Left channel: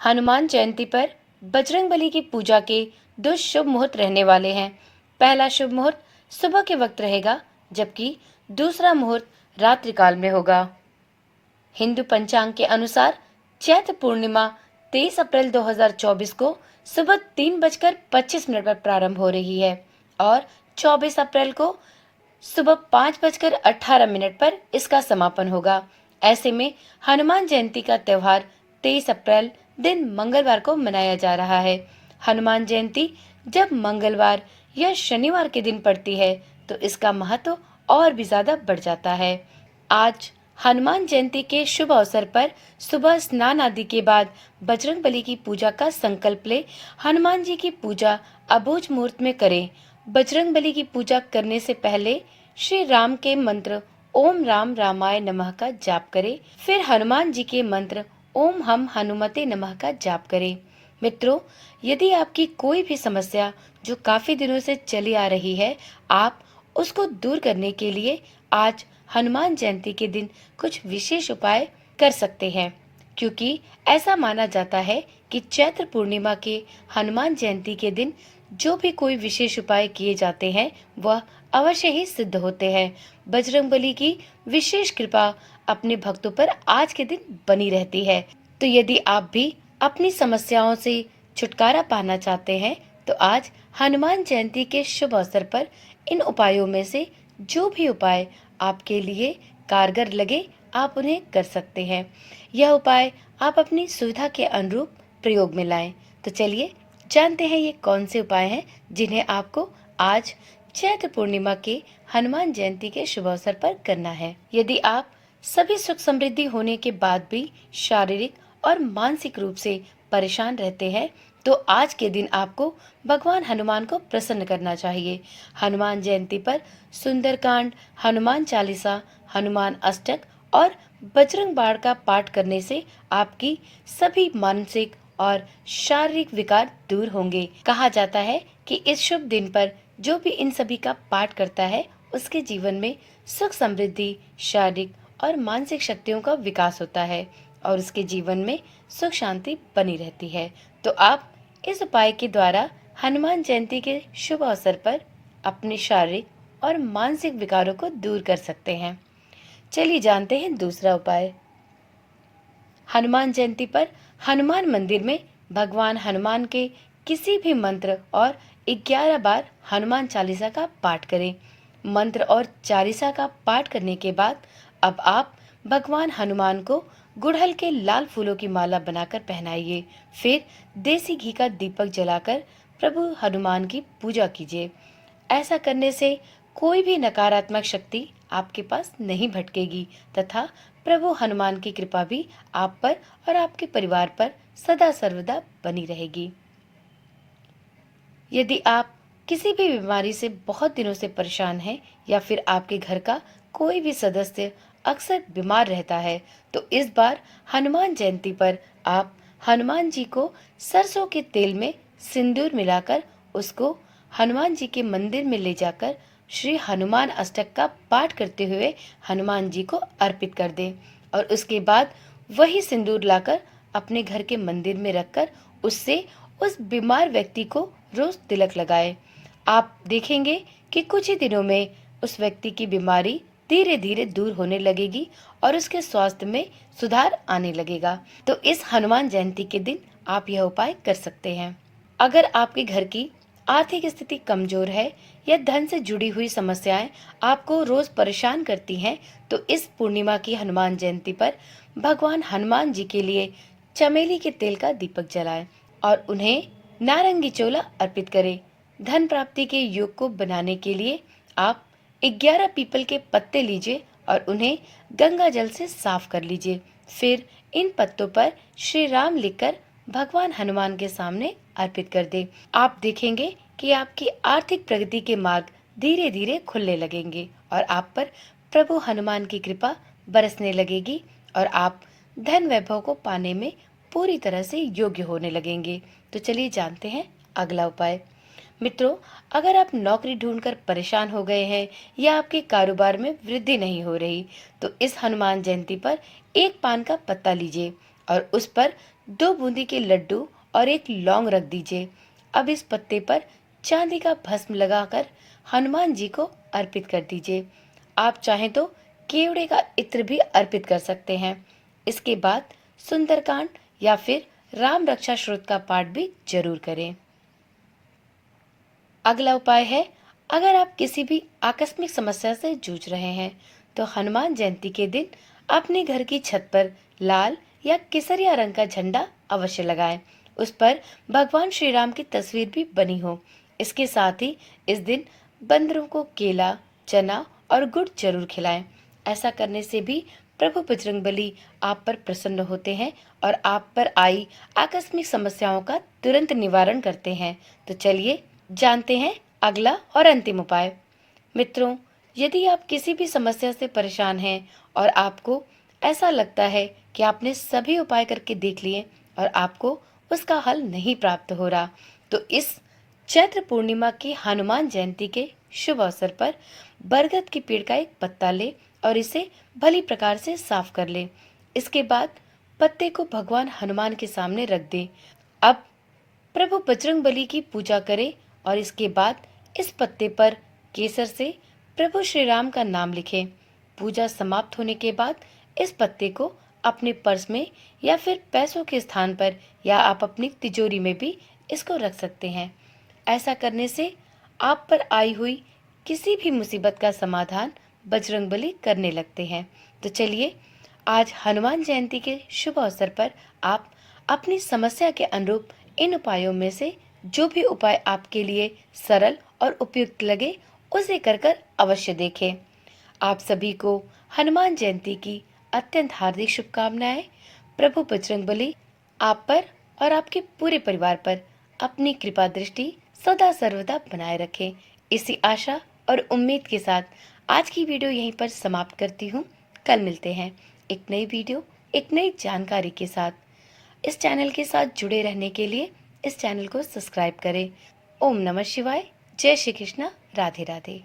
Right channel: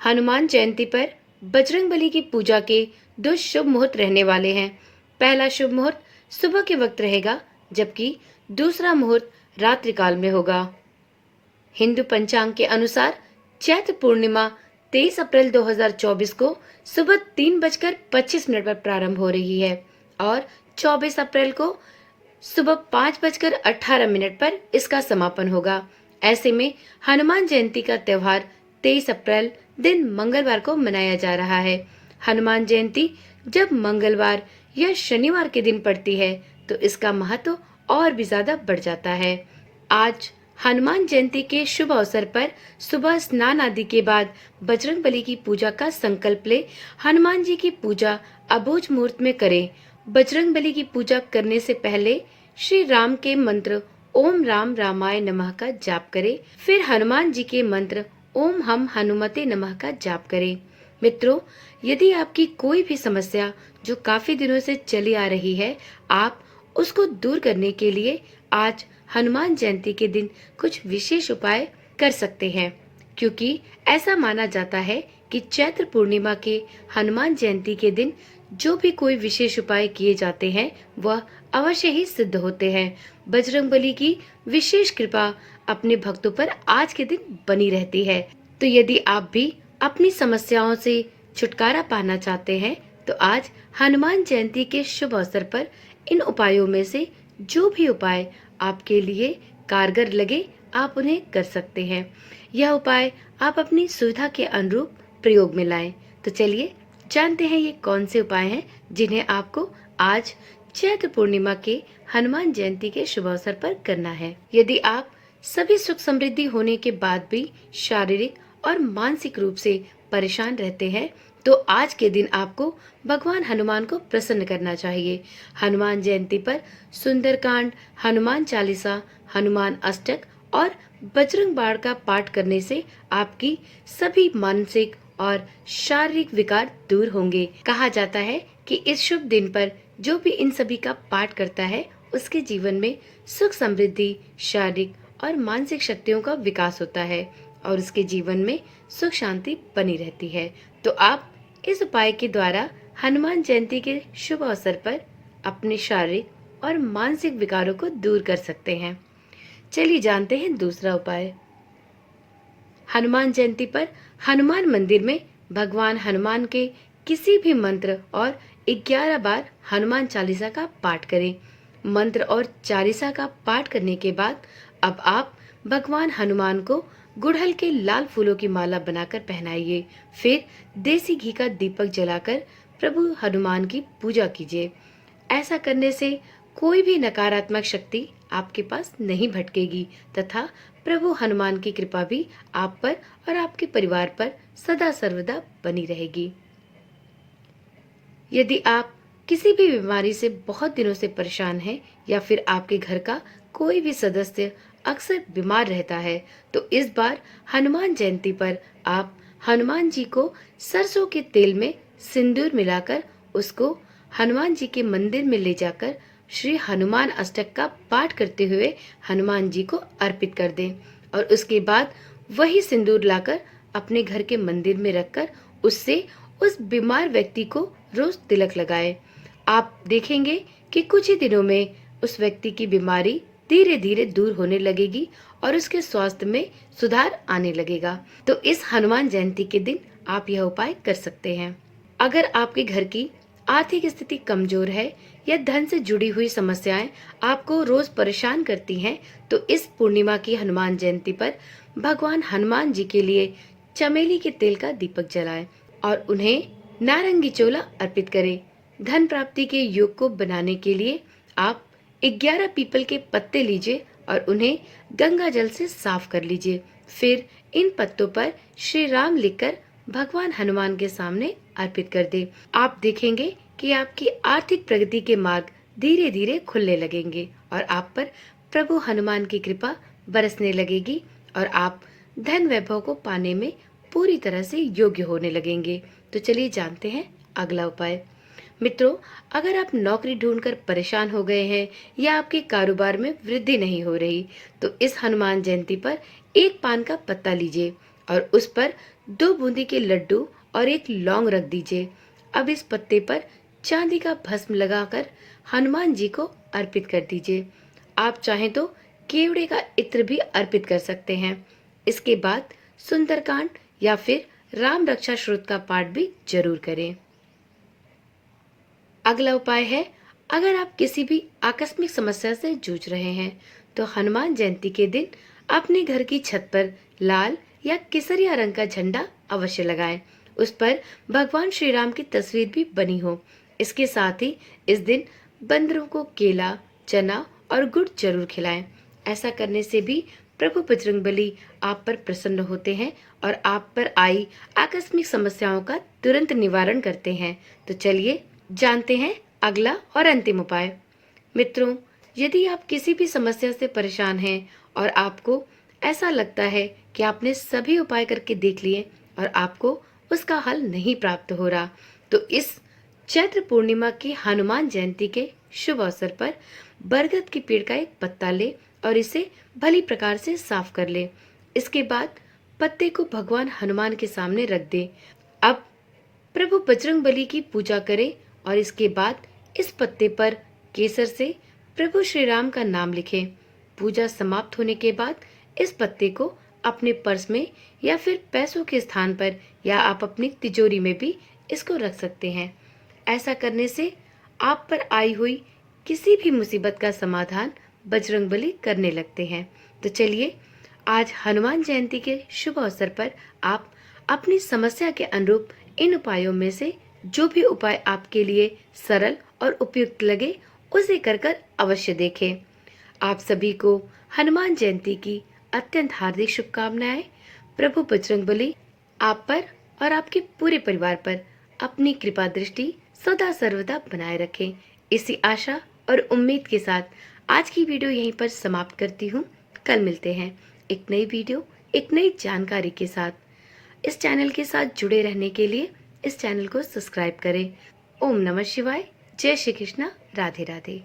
हनुमान जयंती पर बजरंगबली की पूजा के दो शुभ मुहूर्त रहने वाले हैं। पहला शुभ मुहूर्त सुबह के वक्त रहेगा, जबकि दूसरा मुहूर्त रात्रि काल में होगा। हिंदू पंचांग के अनुसार चैत्र पूर्णिमा 23 अप्रैल 2024 को सुबह 3:25 पर प्रारंभ हो रही है और 24 अप्रैल को सुबह 5:18 पर इसका समापन होगा। ऐसे में हनुमान जयंती का त्योहार 23 अप्रैल दिन मंगलवार को मनाया जा रहा है। हनुमान जयंती जब मंगलवार या शनिवार के दिन पड़ती है तो इसका महत्व और भी ज्यादा बढ़ जाता है। आज हनुमान जयंती के शुभ अवसर पर सुबह स्नान आदि के बाद बजरंगबली की पूजा का संकल्प ले हनुमान जी की पूजा अबूझ मुहूर्त में करें। बजरंगबली की पूजा करने से पहले श्री राम के मंत्र ओम राम रामाय नमः का जाप करें। फिर हनुमान जी के मंत्र ओम हम हनुमते नमः का जाप करें। मित्रों, यदि आपकी कोई भी समस्या जो काफी दिनों से चली आ रही है, आप उसको दूर करने के लिए आज हनुमान जयंती के दिन कुछ विशेष उपाय कर सकते हैं, क्योंकि ऐसा माना जाता है कि चैत्र पूर्णिमा के हनुमान जयंती के दिन जो भी कोई विशेष उपाय किए जाते हैं वह अवश्य ही सिद्ध होते हैं। बजरंगबली की विशेष कृपा अपने भक्तों पर आज के दिन बनी रहती है। तो यदि आप भी अपनी समस्याओं से छुटकारा पाना चाहते हैं तो आज हनुमान जयंती के शुभ अवसर पर इन उपायों में से जो भी उपाय आपके लिए कारगर लगे आप उन्हें कर सकते हैं। यह उपाय आप अपनी सुविधा के अनुरूप प्रयोग में लाएं। तो चलिए जानते हैं ये कौन से उपाय हैं जिन्हें आपको आज चैत्र पूर्णिमा के हनुमान जयंती के शुभ अवसर पर करना है। यदि आप सभी सुख समृद्धि होने के बाद भी शारीरिक और मानसिक रूप से परेशान रहते हैं तो आज के दिन आपको भगवान हनुमान को प्रसन्न करना चाहिए। हनुमान जयंती पर सुंदरकांड, हनुमान चालीसा, हनुमान अष्टक और बजरंग बाण का पाठ करने से आपकी सभी मानसिक और शारीरिक विकार दूर होंगे। कहा जाता है कि इस शुभ दिन पर जो भी इन सभी का पाठ करता है उसके जीवन में सुख समृद्धि, शारीरिक और मानसिक शक्तियों का विकास होता है और उसके जीवन में सुख शांति बनी रहती है। तो आप इस उपाय के द्वारा हनुमान जयंती के शुभ अवसर पर अपने शारीरिक और मानसिक विकारों को दूर कर सकते हैं। चलिए जानते हैं दूसरा उपाय। हनुमान जयंती पर हनुमान मंदिर में भगवान हनुमान के किसी भी मंत्र और 11 बार हनुमान चालीसा का पाठ करें। मंत्र और चालीसा का पाठ करने के बाद अब आप भगवान हनुमान को गुड़हल के लाल फूलों की माला बनाकर पहनाइए। फिर देसी घी का दीपक जलाकर प्रभु हनुमान की पूजा कीजिए। ऐसा करने से कोई भी नकारात्मक शक्ति आपके पास नहीं भटकेगी तथा प्रभु हनुमान की कृपा भी आप पर और आपके परिवार पर सदा सर्वदा बनी रहेगी। यदि आप किसी भी बीमारी से बहुत दिनों से परेशान हैं या फिर आपके घर का कोई भी सदस्य अक्सर बीमार रहता है तो इस बार हनुमान जयंती पर आप हनुमान जी को सरसों के तेल में सिंदूर मिलाकर उसको हनुमान जी के मंदिर में ले जाकर श्री हनुमान अष्टक का पाठ करते हुए हनुमान जी को अर्पित कर दें और उसके बाद वही सिंदूर लाकर अपने घर के मंदिर में रखकर उससे उस बीमार व्यक्ति को रोज तिलक लगाएं। आप देखेंगे कि कुछ ही दिनों में उस व्यक्ति की बीमारी धीरे धीरे दूर होने लगेगी और उसके स्वास्थ्य में सुधार आने लगेगा। तो इस हनुमान जयंती के दिन आप यह उपाय कर सकते हैं। अगर आपके घर की आर्थिक स्थिति कमजोर है या धन से जुड़ी हुई समस्याएं आपको रोज परेशान करती हैं तो इस पूर्णिमा की हनुमान जयंती पर भगवान हनुमान जी के लिए चमेली के तेल का दीपक जलाएं और उन्हें नारंगी चोला अर्पित करें। धन प्राप्ति के योग को बनाने के लिए आप 11 पीपल के पत्ते लीजिए और उन्हें गंगा जल से साफ कर लीजिए। फिर इन पत्तों पर श्री राम लिखकर भगवान हनुमान के सामने अर्पित कर दें। आप देखेंगे कि आपकी आर्थिक प्रगति के मार्ग धीरे धीरे खुलने लगेंगे और आप पर प्रभु हनुमान की कृपा बरसने लगेगी और आप धन वैभव को पाने में पूरी तरह से योग्य होने लगेंगे। तो चलिए जानते हैं अगला उपाय। मित्रों, अगर आप नौकरी ढूंढकर परेशान हो गए हैं या आपके कारोबार में वृद्धि नहीं हो रही तो इस हनुमान जयंती पर एक पान का पत्ता लीजिए और उस पर 2 बूंदी के लड्डू और एक लौंग रख दीजिए। अब इस पत्ते पर चांदी का भस्म लगाकर हनुमान जी को अर्पित कर दीजिए। आप चाहें तो केवड़े का इत्र भी अर्पित कर सकते हैं। इसके बाद सुंदरकांड या फिर राम रक्षा स्तोत्र का पाठ भी जरूर करें। अगला उपाय है, अगर आप किसी भी आकस्मिक समस्या से जूझ रहे हैं तो हनुमान जयंती के दिन अपने घर की छत पर लाल या केसरिया रंग का झंडा अवश्य लगाएं। उस पर भगवान श्री राम की तस्वीर भी बनी हो। इसके साथ ही इस दिन बंदरों को केला, चना और गुड़ जरूर खिलाएं। ऐसा करने से भी प्रभु बजरंगबली आप पर प्रसन्न होते हैं और आप पर आई आकस्मिक समस्याओं का तुरंत निवारण करते हैं। तो चलिए जानते हैं अगला और अंतिम उपाय। मित्रों, यदि आप किसी भी समस्या से परेशान हैं और आपको ऐसा लगता है कि आपने सभी उपाय करके देख लिए और आपको उसका हल नहीं प्राप्त हो रहा, तो इस चैत्र पूर्णिमा की हनुमान जयंती के शुभ अवसर पर बरगद के पेड़ का एक पत्ता ले और इसे भली प्रकार से साफ कर ले। इसके बाद पत्ते को भगवान हनुमान के सामने रख दे। अब प्रभु बजरंगबली की पूजा करें और इसके बाद इस पत्ते पर केसर से प्रभु श्री राम का नाम लिखें। पूजा समाप्त होने के बाद इस पत्ते को अपने पर्स में या फिर पैसों के स्थान पर या आप अपनी तिजोरी में भी इसको रख सकते हैं। ऐसा करने से आप पर आई हुई किसी भी मुसीबत का समाधान बजरंगबली करने लगते हैं। तो चलिए आज हनुमान जयंती के शुभ अवसर पर आप अपनी समस्या के अनुरूप इन उपायों में से जो भी उपाय आपके लिए सरल और उपयुक्त लगे उसे कर कर अवश्य देखें। आप सभी को हनुमान जयंती की अत्यंत हार्दिक शुभकामनाएं। प्रभु बजरंगबली आप पर और आपके पूरे परिवार पर अपनी कृपा दृष्टि सदा सर्वदा बनाए रखें। इसी आशा और उम्मीद के साथ आज की वीडियो यहीं पर समाप्त करती हूँ। कल मिलते हैं एक नई वीडियो, एक नई जानकारी के साथ। इस चैनल के साथ जुड़े रहने के लिए इस चैनल को सब्सक्राइब करें। ओम नमः शिवाय। जय श्री कृष्णा। राधे राधे।